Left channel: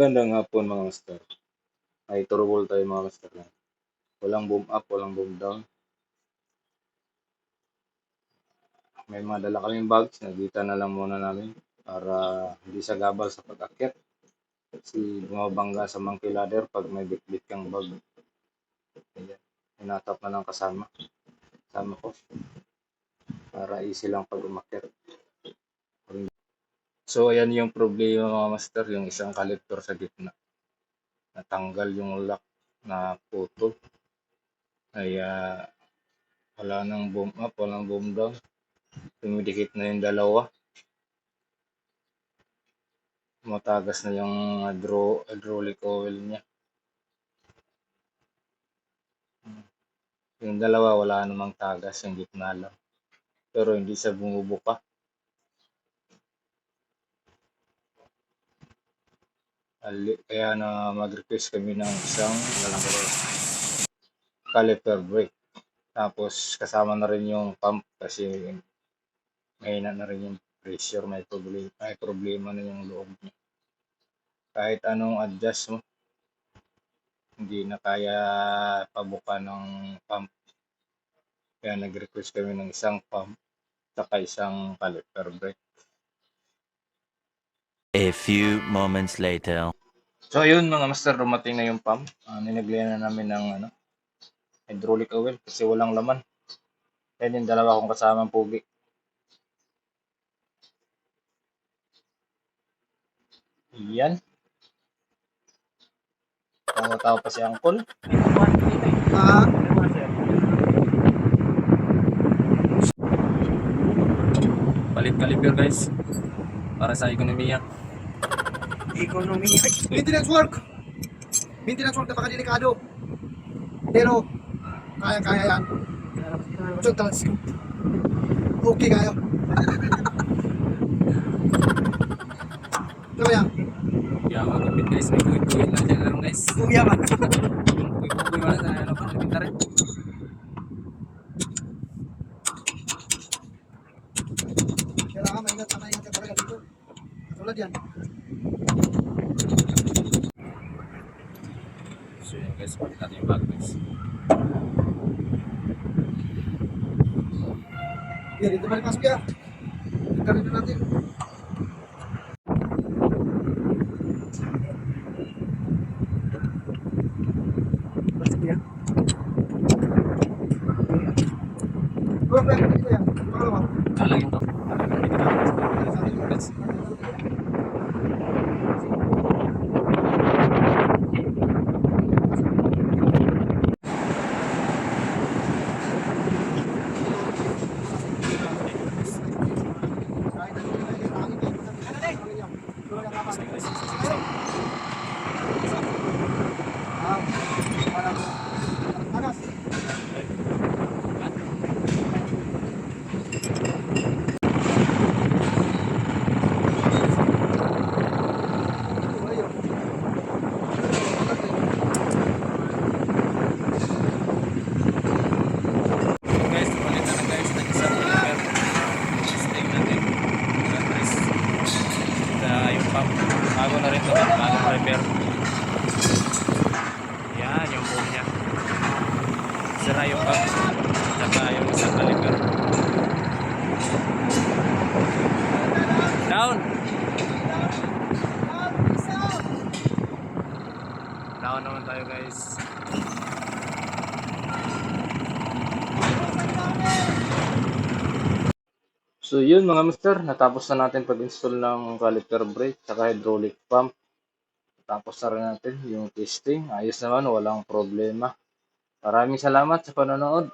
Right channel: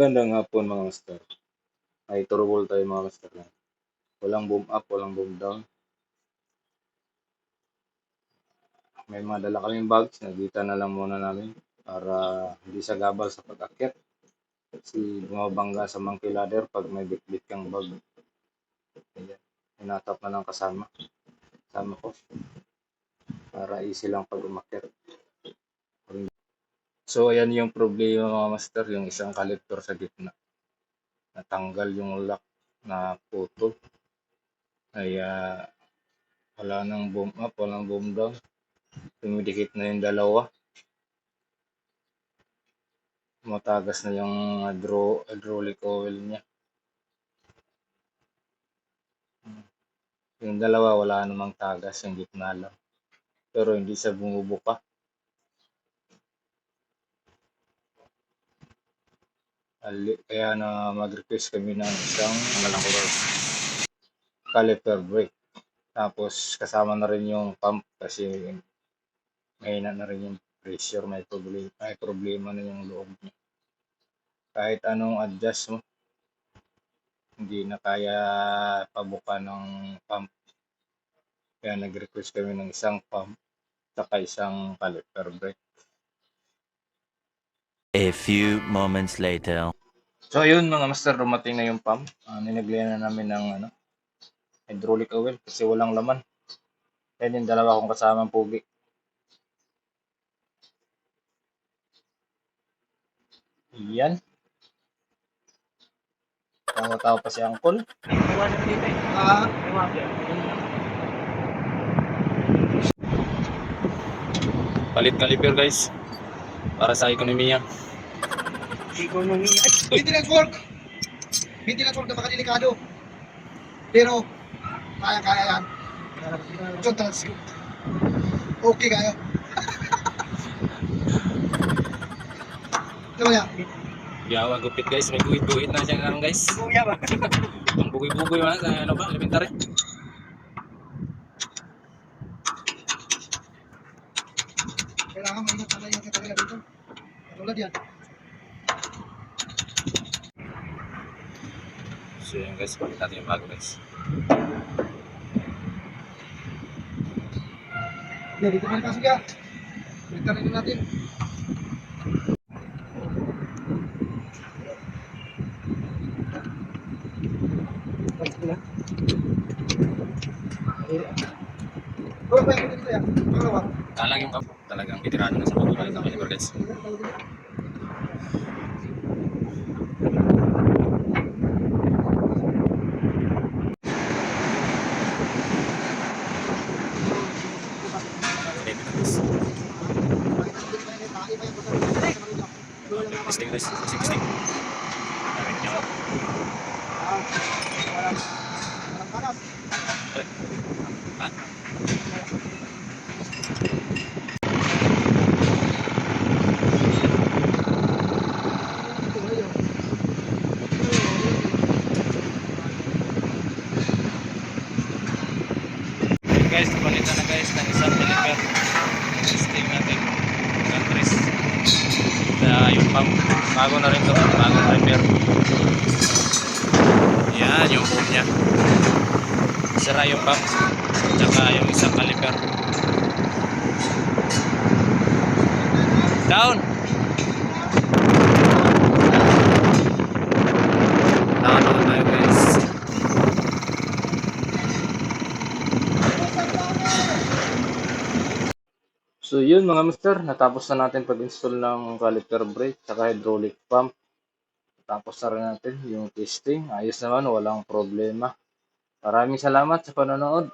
Gandang hapon mga master. Ay turubol tayo mga master. Walang boom up, walang boom down. May mga dala kaming bags, nagita na lang muna namin para hindi sa gabal sa pag-akyat. Kasi bumabangga sa monkey ladder pag may bitbit kang bag. Ayan. Hinatap na lang kasama ko para easy lang pag umakyat. So ayan yung problema mga master, yung isang collector sa gitna. Natanggal yung lock na putol. Kaya wala nang boom up, walang boom down. Dumidikit na yung dalawa. Matagas na yung hydraulic oil niya. Yung dalawa wala namang tagas, yung gitna lang. Pero hindi siya bumubuka. Kaya na mag-request kami ng isang caliper brake. Tapos kasama na rin yung pump kasi mahina na rin yung pressure, may problema na yung loob niya. Kahit anong adjust mo, hindi na kaya pabuka ng pump. Kaya nag-request kami ng isang pump saka isang caliper brake. A few moments later. So yun mga master, dumating na yung pump. Ninaglihan na namin ng hydraulic oil kasi walang laman. Kaya yung dalawa kong kasamang pugi. Yan. Tawa-tawa pa si Uncle. Palit caliper guys. Para sa ekonomiya. Maintenance work napakadelikado. Pero kaya yan. Okay kayo. Ito yan. Yawa gupit guys, may bugit-bugit na siya ngayon guys. Kuya ba? Ang bugoy-bugoy ba sa elementary. Kailangan maingat ka talaga dito. Katulad yan. So yun guys, palit natin yung bag guys. Yan, dito balik pasok yan. Balik rin natin. Pasok yan. Kurang na dito yan. Pangalawa. Talagang may tirahan na sa pagulay sa caliper guys. Guys, palitan na guys ng isang caliper. Testing natin. Countries. Yung pump, bago na rin to, bagong repair. Yan yung boom nya. Sira yung pump, tsaka yung isang caliper. Down! Down ako tayo guys. So yun mga master, natapos na natin pag-install ng caliper brake saka hydraulic pump. Tapos na rin natin yung testing. Ayos naman, walang problema. Maraming salamat sa panonood.